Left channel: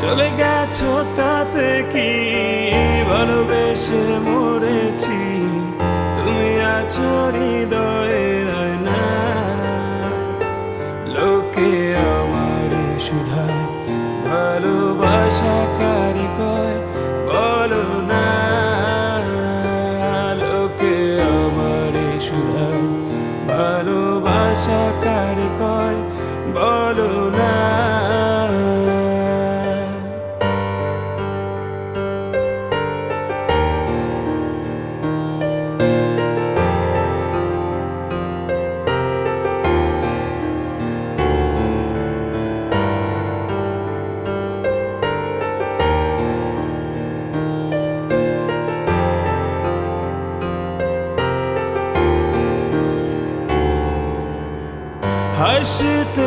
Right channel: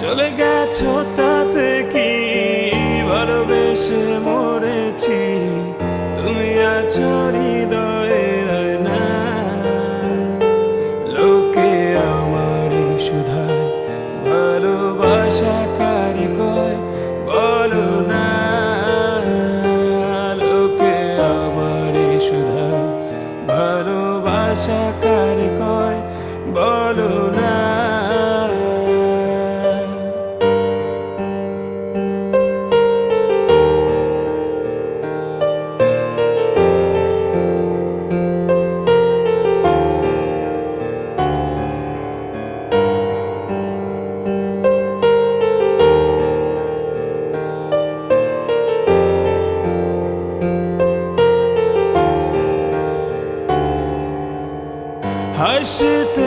চলে গেছো তাতে কি ভালোবেসে মরেছি, তুমি আছো হৃদয়ের আয়না। লোকে আমারই শুধায় ভালোবাসা কারে কয় বলো না। লোকে আমারই শুধায় ভালোবাসা কারে কয় বলো না। হাসতে